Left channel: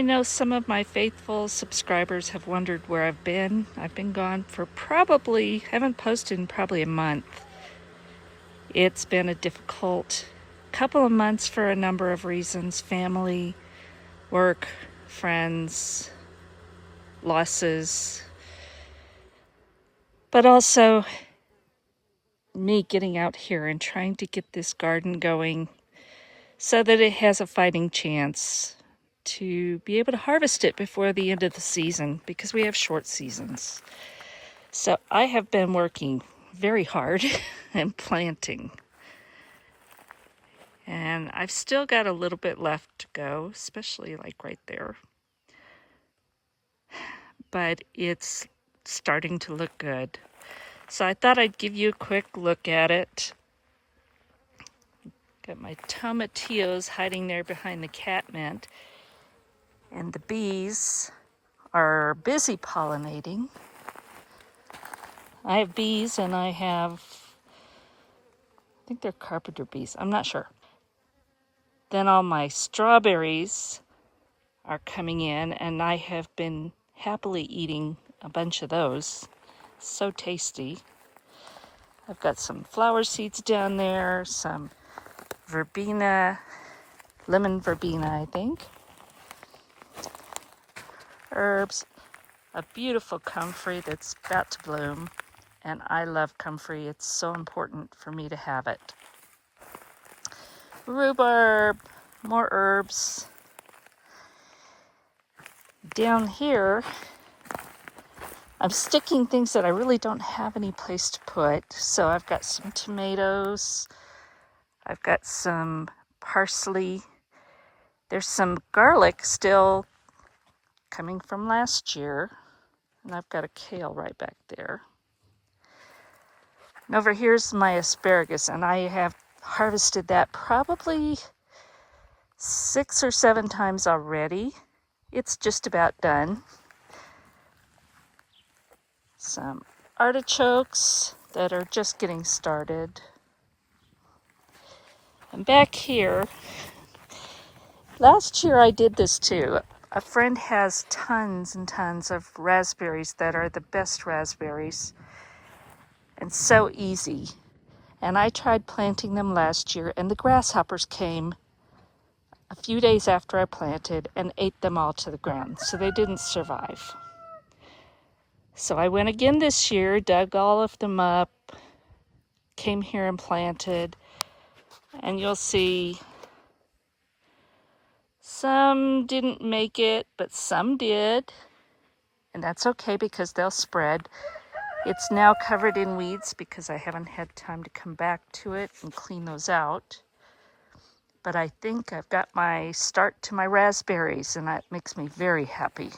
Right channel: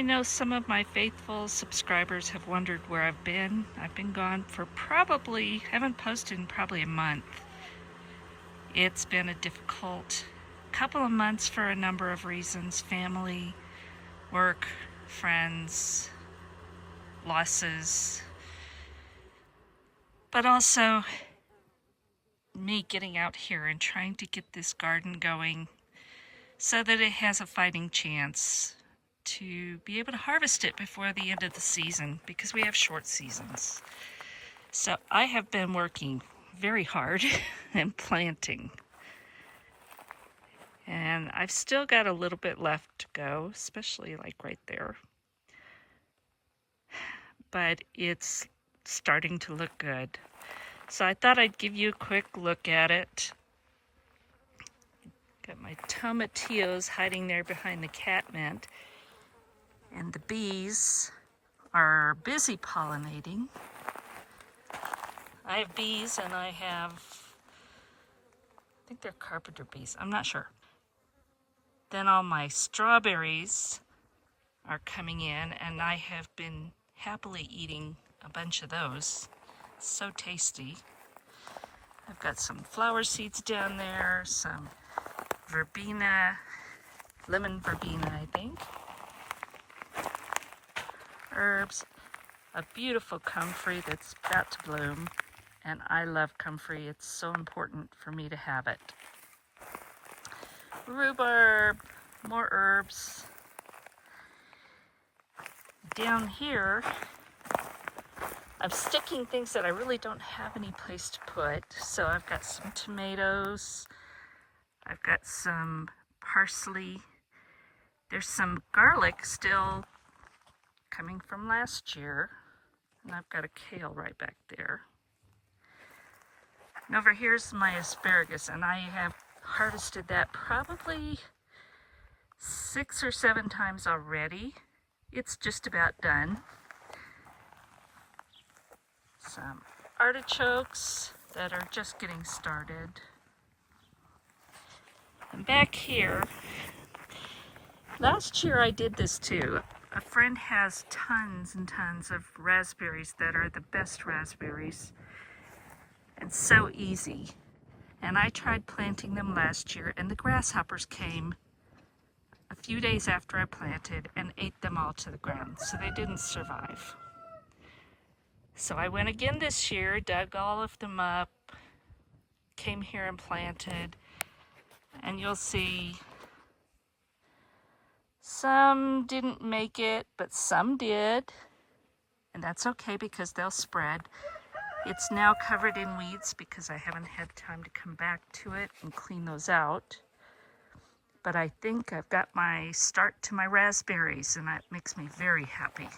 I know some of my faithful subscribers have wondered where I've been. I've been gone for haven't posted in probably a month. It's been a difficult couple of months for a number of reasons: family, work, friends, losses, but also me getting out here and trying to get this garden going so that it has a fighting chance to be able to harvest it before the end of the season, because we have short seasons. So I have been working very hard and planting. And I've still got a little bit left to go, especially like right there. But it's starting to look good. So I thought I'd give you a quick look at it. Got my tomatillos hiding there behind the catmint. And the bees are busy pollinating. I have bees, and I think they're carpenter bees. I'm not sure. Then all my strawberries are coming in, and I have been happily eating a bunch of those. So tasty. I've got some flower seeds down there, some verbena, lemon verbena, I think. Herbs, a beautiful comfrey that's about to bloom, and I love comfrey. It's so important for me to have it. Rhubarb, more herbs. Down here, I'm sticking things that I really don't have any place to put. So I've got some tomatoes. I've got some parsley. There's some garlic still coming from last year. And I've got a kale right back there. And over here's my asparagus, and I have harvested that probably 6 or 7 times already. It's just about done. Some artichokes that are just getting started. And back here, last year I did this too. A friend has tons and tons of raspberries that are the best raspberries and so easy. And I tried planting them last year, and the grasshoppers came a few days after I planted and ate them all to the ground, so they didn't survive. So I went again this year, dug all of them up, came here and planted, and you'll see some didn't make it, but some did, and that's okay because they'll spread. It's now covered in weeds because I haven't had time to come back to it and clean those out. But I think I've got my start to my raspberries, and that makes me very happy.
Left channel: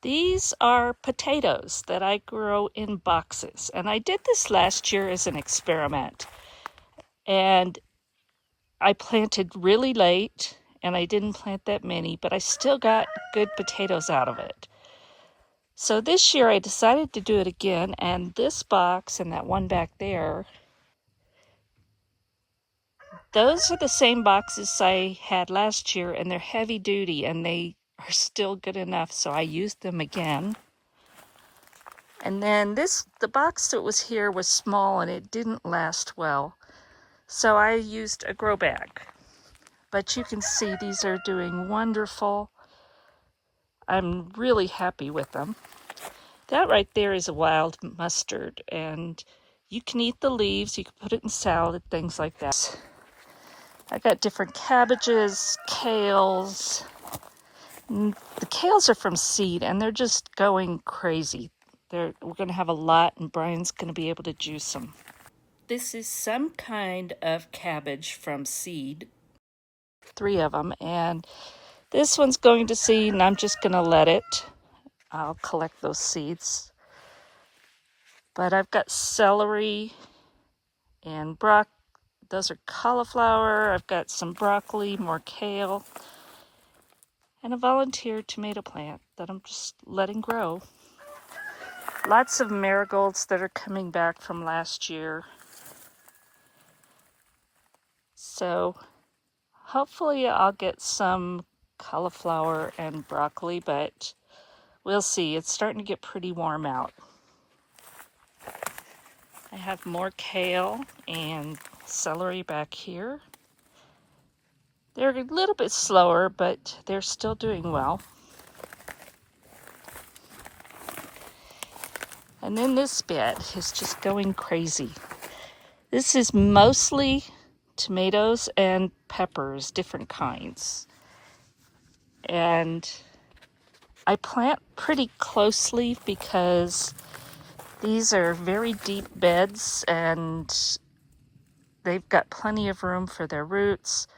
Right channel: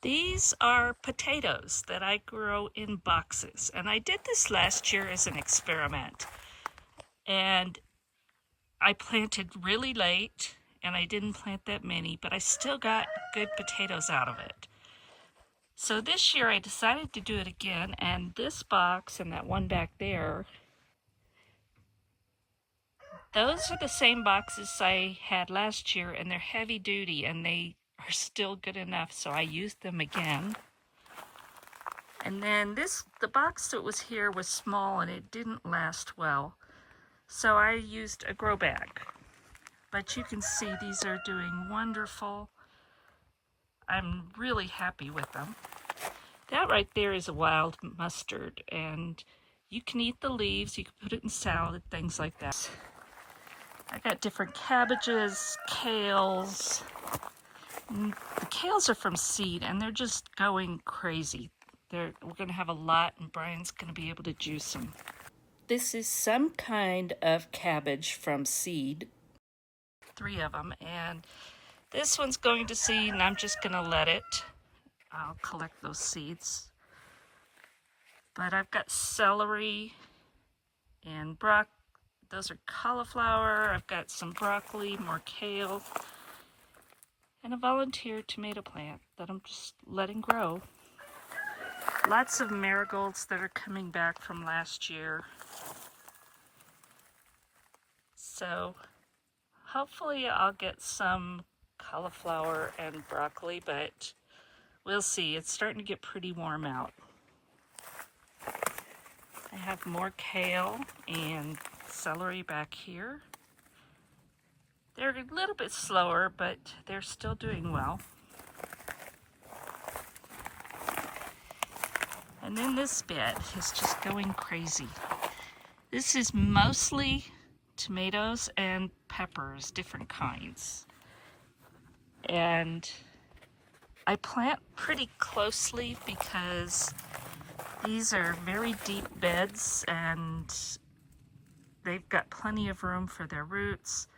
These are potatoes that I grow in boxes, and I did this last year as an experiment. And I planted really late, and I didn't plant that many, but I still got good potatoes out of it. So this year I decided to do it again, and this box and that one back there, those are the same boxes I had last year, and they're heavy duty, and they are still good enough, so I used them again. And then the box that was here was small, and it didn't last well, so I used a grow bag. But you can see these are doing wonderful. I'm really happy with them. That right there is a wild mustard, and you can eat the leaves, you can put it in salad, things like that. I got different cabbages, kales. The kales are from seed, and they're just going crazy. We're going to have a lot, and Brian's going to be able to juice them. This is some kind of cabbage from seed. 3 of them, and this one's going to seed, and I'm just going to let it. I'll collect those seeds. But I've got celery and those are cauliflower. I've got some broccoli, more kale, and a volunteer tomato plant that I'm just letting grow. Lots of marigolds that are coming back from last year. So Hopefully I'll get some cauliflower and broccoli, but we'll see. It's starting to get pretty warm out. I have more kale and celery back here. They're a little bit slower, but they're still doing well. And then this bed is just going crazy. This is mostly tomatoes and peppers, different kinds. And I plant pretty closely because these are very deep beds and they've got plenty of room for their roots.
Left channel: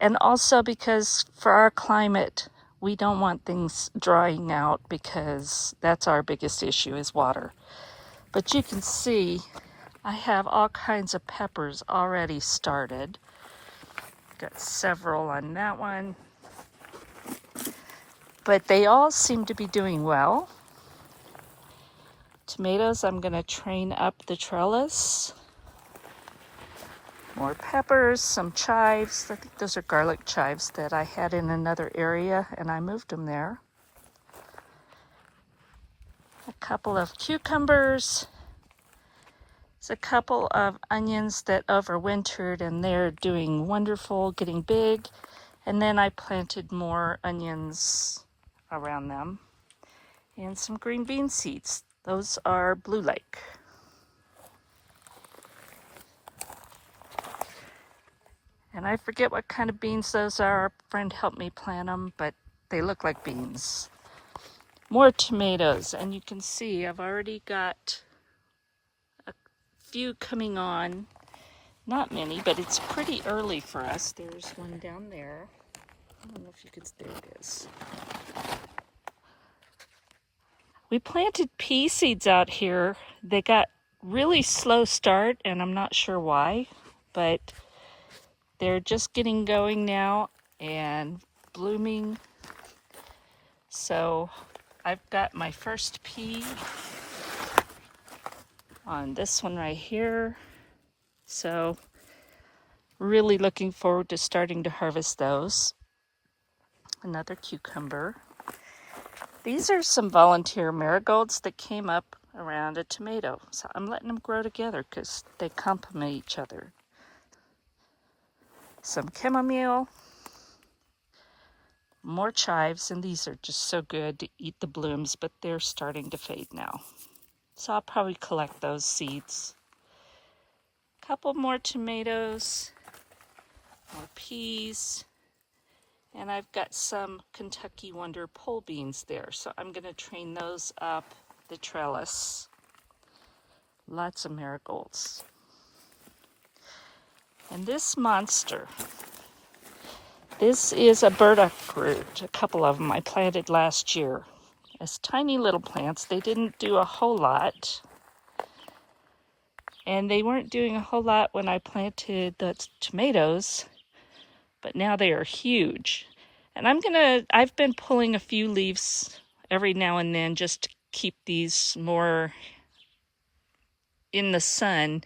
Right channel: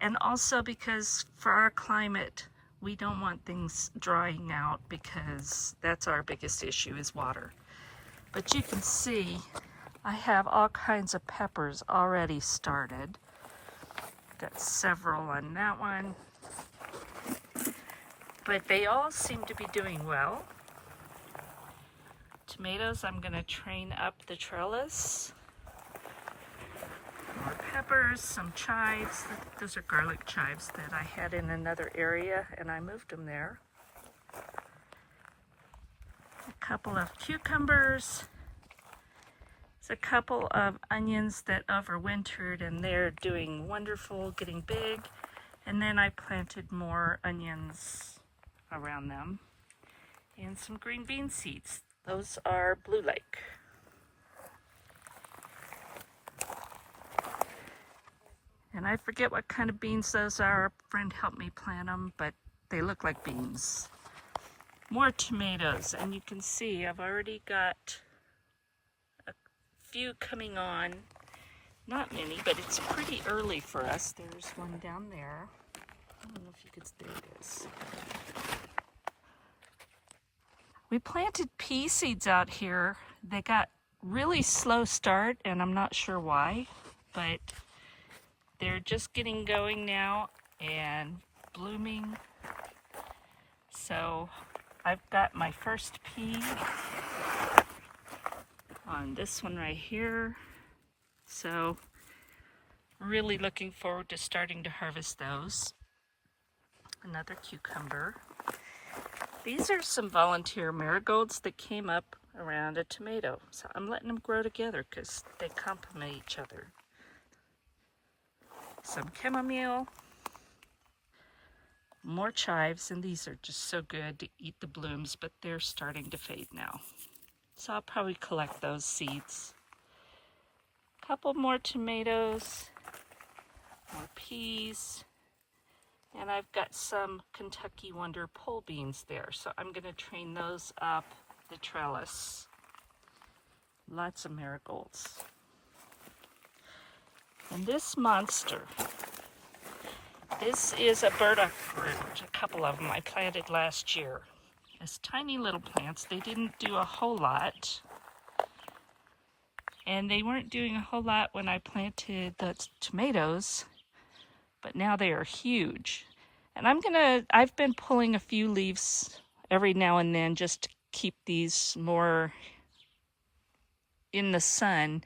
And also because for our climate, we don't want things drying out because that's our biggest issue is water. But you can see I have all kinds of peppers already started. Got several on that one. But they all seem to be doing well. Tomatoes, I'm going to train up the trellis. More peppers, some chives. I think those are garlic chives that I had in another area and I moved them there. A couple of cucumbers. There's a couple of onions that overwintered and they're doing wonderful, getting big. And then I planted more onions around them. And some green bean seeds. Those are Blue Lake. And I forget what kind of beans those are. A friend helped me plant them, but they look like beans. More tomatoes, and you can see I've already got a few coming on. Not many, but it's pretty early for us. There's one down there. I don't know if you could, there it is. We planted pea seeds out here. They got really slow start, and I'm not sure why, but they're just getting going now and blooming. So I've got my first pea on this one right here. So really looking forward to starting to harvest those. Another cucumber. These are some volunteer marigolds that came up around a tomato. So I'm letting them grow together because they complement each other. Some chamomile, more chives, and these are just so good to eat the blooms, but they're starting to fade now. So I'll probably collect those seeds. A couple more tomatoes, more peas, and I've got some Kentucky Wonder pole beans there, so I'm going to train those up the trellis. Lots of marigolds. And this monster, this is a burdock root, a couple of them I planted last year. As tiny little plants, they didn't do a whole lot. And they weren't doing a whole lot when I planted the tomatoes, but now they are huge. And I've been pulling a few leaves every now and then just to keep these more in the sun.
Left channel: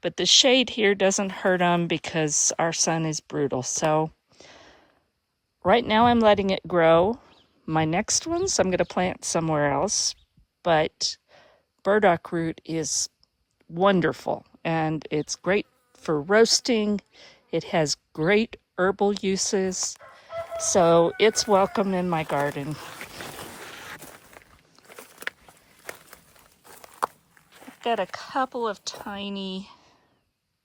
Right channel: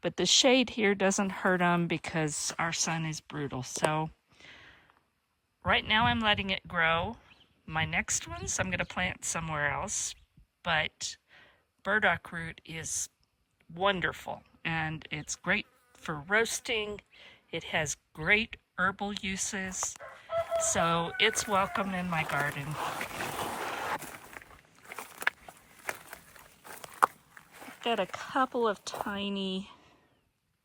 But the shade here doesn't hurt them because our sun is brutal. So right now I'm letting it grow. My next ones I'm going to plant somewhere else. But burdock root is wonderful and it's great for roasting. It has great herbal uses. So it's welcome in my garden. I've got a couple of tiny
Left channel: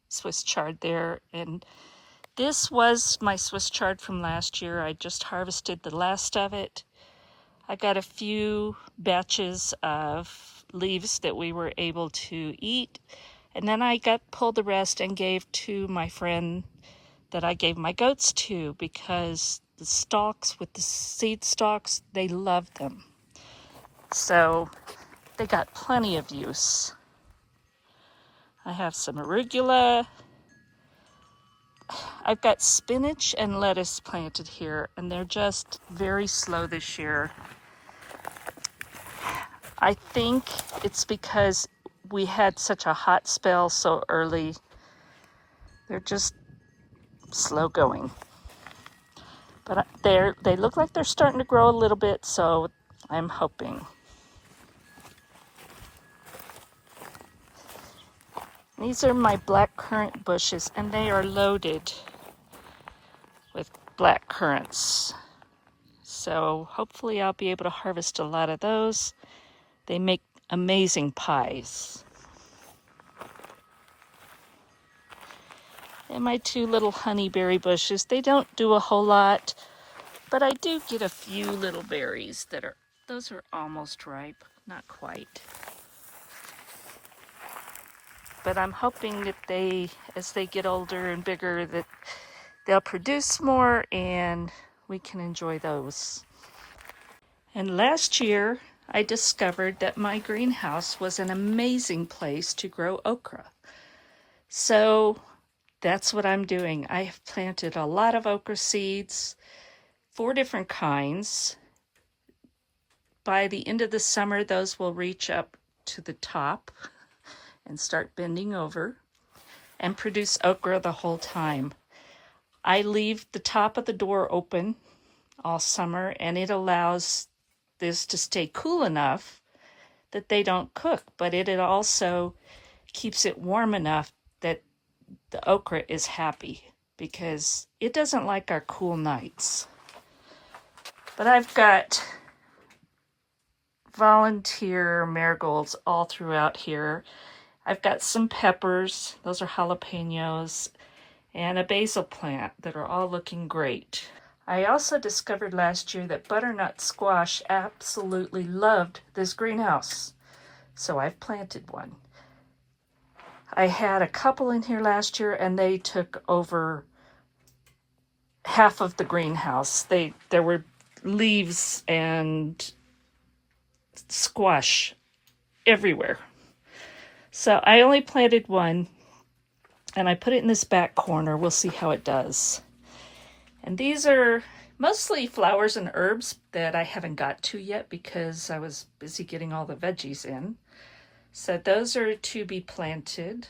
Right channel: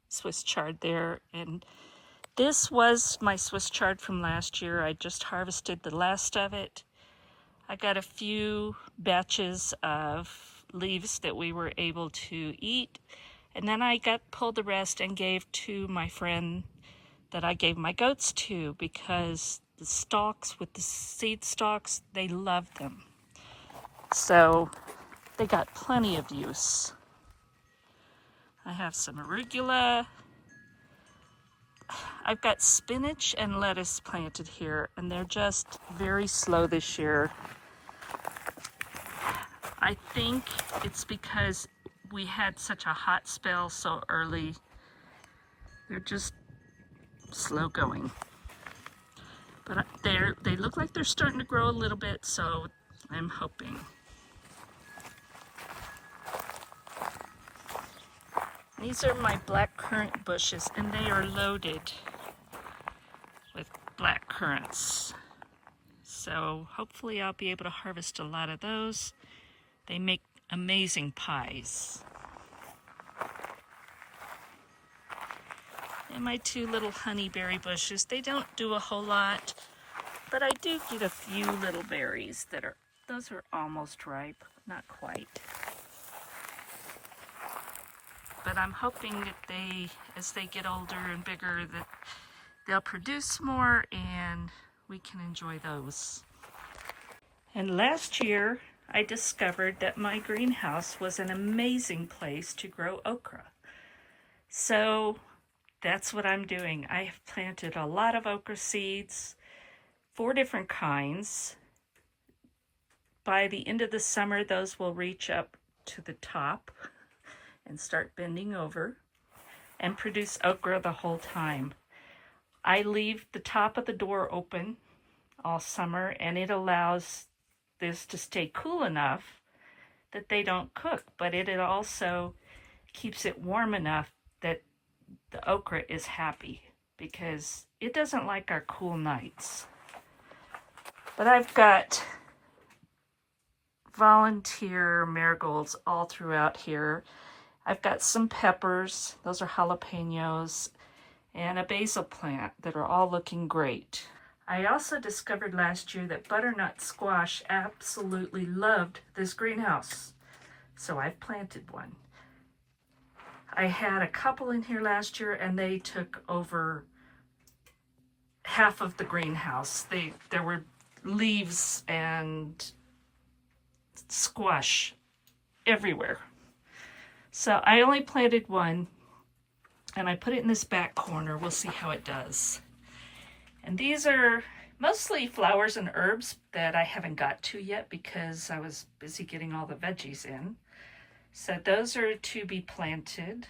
Swiss chard there, and this was my Swiss chard from last year. I just harvested the last of it. I got a few batches of leaves that we were able to eat, and then I pulled the rest and gave to my friend that I gave my goats to because the stalks with the seed stalks, they love them. So they got plenty of use. I have some arugula. I've got spinach and lettuce planted here, and they're just very slow this year. I think it's because we had such a hot spell so early. They're just slow going. But they look like they're starting to grow a little bit, so I'm hoping. These are my black currant bushes, and they are loaded with black currants. So hopefully I'll be able to harvest a lot of those. They make amazing pies. And my two little honeyberry bushes, they don't do a whole lot, but I do get a few little berries those are almost ripe, not quite. But I'm hoping that as they get older and bigger, that they'll produce more and we can enjoy those. And last year, I discovered that my greenhouse was an amazing place to grow okra. So that's what I'm doing. I have planted a lot of okra seeds, 4 different kinds. By the end of the summer, those will reach up to the top and start bending over and produce okra the whole time. I leave the top of the door open all summer, and it allows this to stay cool enough that they don't cook, but it also keeps it warm enough that the okra is happy, because it doesn't like our cool nights. But I've got volunteer marigolds all throughout here. I've got some peppers, those are jalapenos, and a basil plant that are all looking great. I also discovered last year that butternut squash absolutely loved this greenhouse, so I've planted one. I had a couple in here last year, and they took over half of the greenhouse. There were leaves and squash everywhere. So I only planted one, and I put it in this back corner. We'll see how it does. And these are mostly flowers and herbs that I haven't got to yet because I was busy getting all the veggies in. So those are to be planted.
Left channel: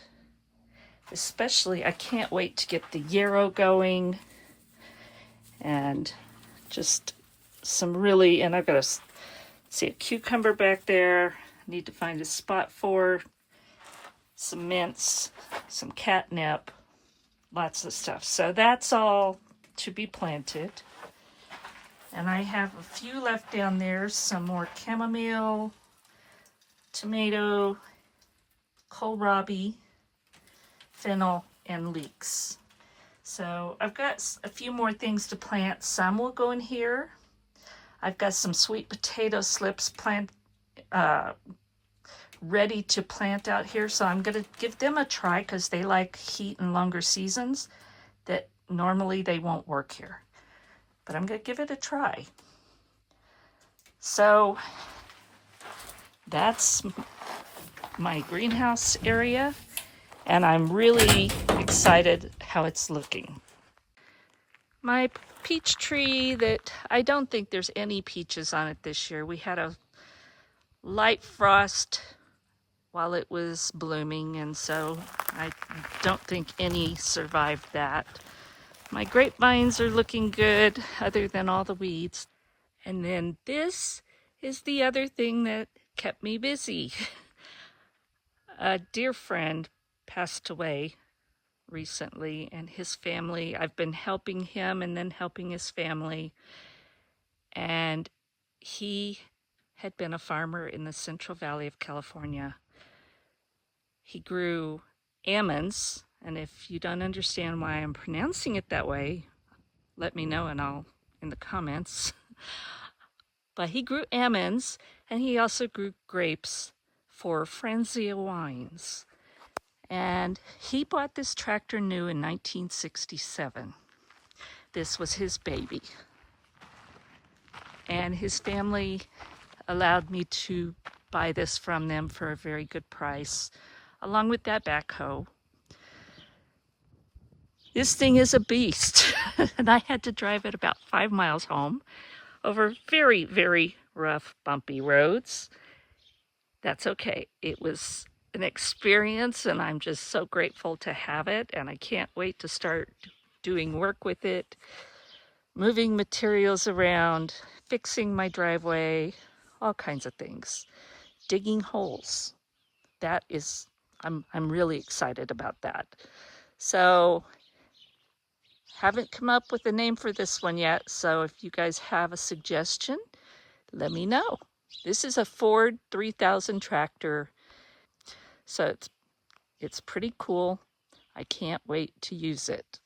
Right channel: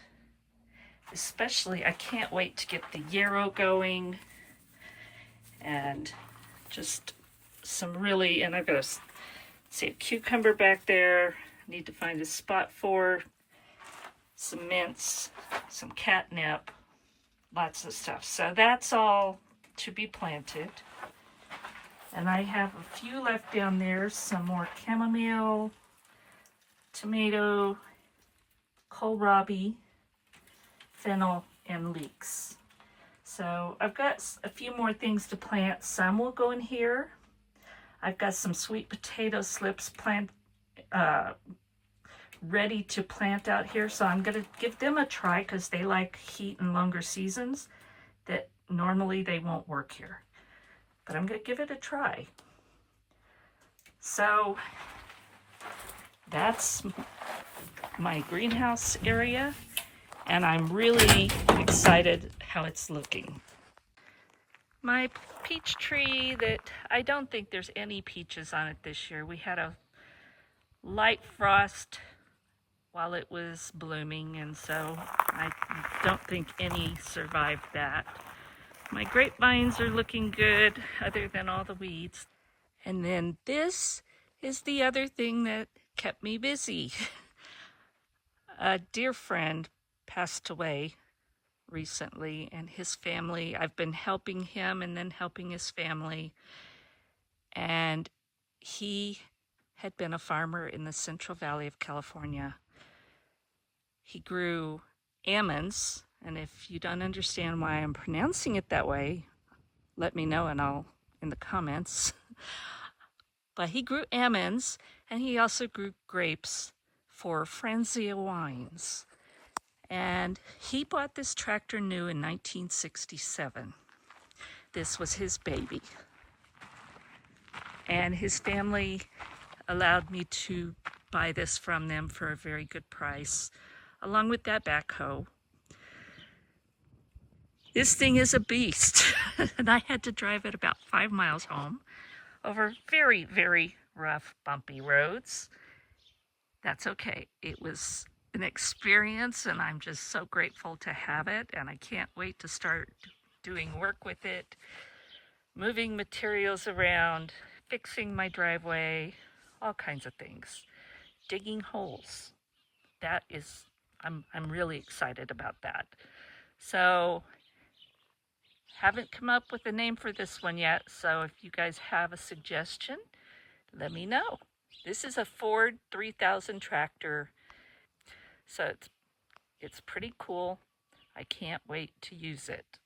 Especially, I can't wait to get the yarrow going. And just some really, and I've got see a cucumber back there. Need to find a spot for some mints, some catnip, lots of stuff. So that's all to be planted. And I have a few left down there, some more chamomile, tomato, kohlrabi, fennel, and leeks. So I've got a few more things to plant. Some will go in here. I've got some sweet potato slips ready to plant out here. So I'm going to give them a try because they like heat and longer seasons that normally they won't work here. But I'm going to give it a try. So that's my greenhouse area, and I'm really excited how it's looking. My peach tree that I don't think there's any peaches on it this year. We had a light frost while it was blooming, and so I don't think any survived that. My grapevines are looking good, other than all the weeds. And then this is the other thing that kept me busy. A dear friend passed away recently, and his family, I've been helping him and then helping his family. And he had been a farmer in the Central Valley of California. He grew almonds, and if you don't understand why I'm pronouncing it that way, let me know in the comments. But he grew almonds, and he also grew grapes for Franzia wines. And he bought this tractor new in 1967. This was his baby. And his family allowed me to buy this from them for a very good price, along with that backhoe. This thing is a beast, and I had to drive it about 5 miles home over very, very rough, bumpy roads. That's okay. It was an experience, and I'm just so grateful to have it, and I can't wait to start doing work with it, moving materials around, fixing my driveway, all kinds of things. Digging holes. That is, I'm really excited about that. So, haven't come up with a name for this one yet, so if you guys have a suggestion, let me know. This is a Ford 3000 tractor, so it's pretty cool. I can't wait to use it.